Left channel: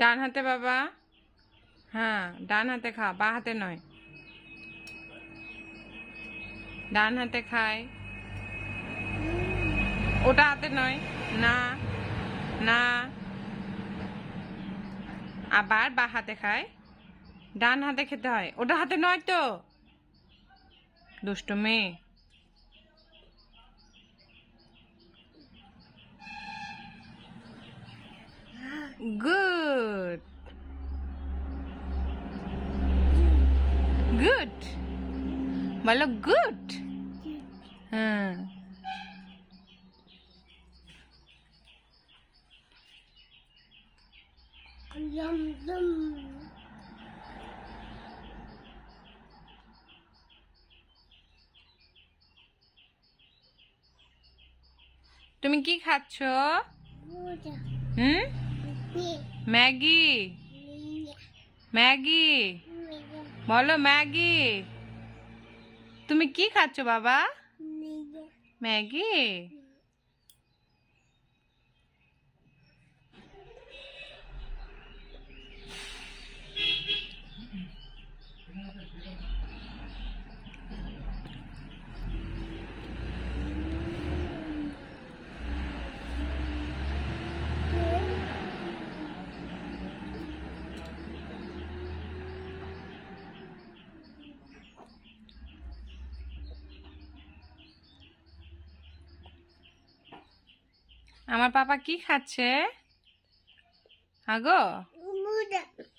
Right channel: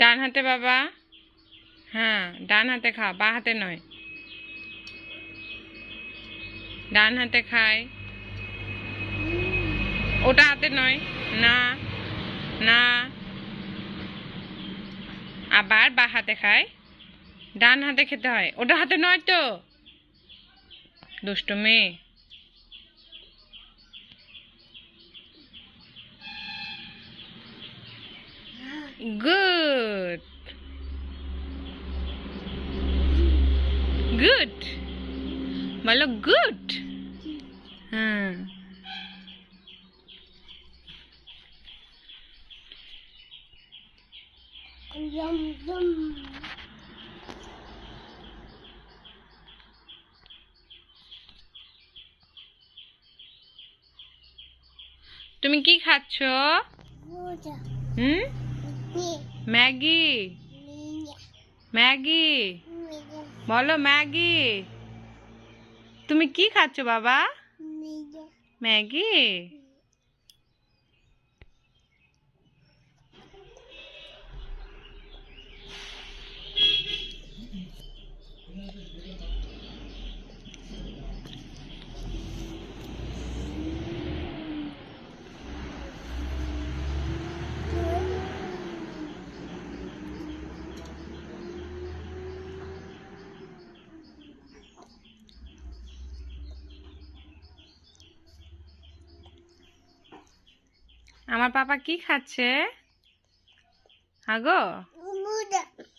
ডান হাতে বাবা। হ্যাঁ, ডান হাতে খা, বা হাতে নয়। ডান হাতে খায়, ওটা হাতে নয়। না না, আবার বা হাতে খায়। ডান হাতে খেতে হয়, ওটা হাতে নয় তো। দুষ্টু মেয়ে। গুড গুড, বলো গুড। হ্যাঁ, তুমি কি খাচ্ছ? হুম, ম্যাগি। ম্যাগি, বলো ম্যাগি। তুমি কি খাচ্ছ বাবা? ম্যাগি। আমার পাপা কি খাচ্ছে? আগো,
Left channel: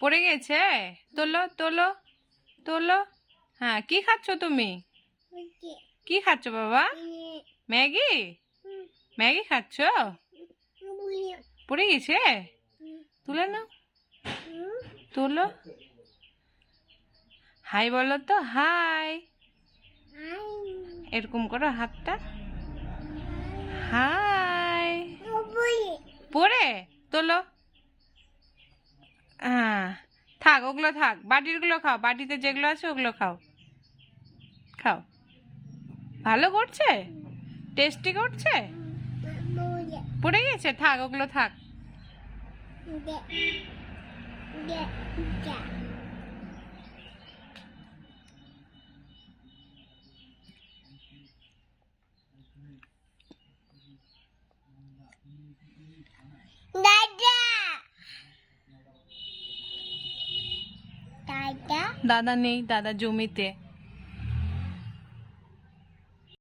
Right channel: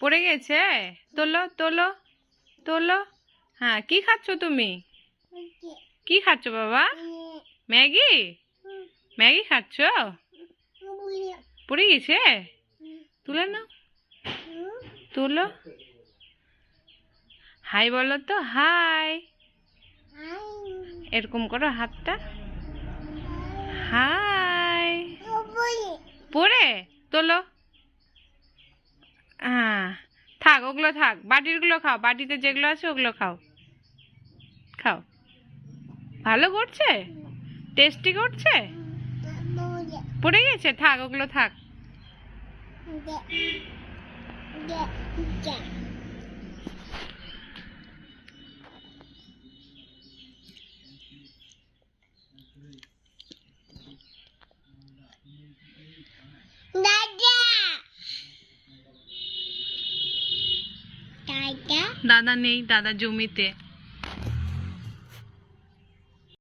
পড়ে গেছে। তোলো তোলো তোলো। হ্যাঁ, কি খাচ্ছ তুমি? কি খাচ্ছ বাবা? ম্যাগি। ম্যাগি খাচ্ছ? পড়ে গেছে, তুলে নাও। তোলো। হাই বলো তো, হাই। এরকম করো হাতটা। হাই। পড়ে তোলো। হ্যাঁ, থাক, ওগুলো থাক। বাটিরগুলো খাও, বাটিতে যেগুলো আছে ওগুলো খাও। খাও। ভালো করছে, টেস্টি করছে। পড়ে গেছে, থাক, ওগুলো থাক। দাদা নেই, দাদা জমিতে।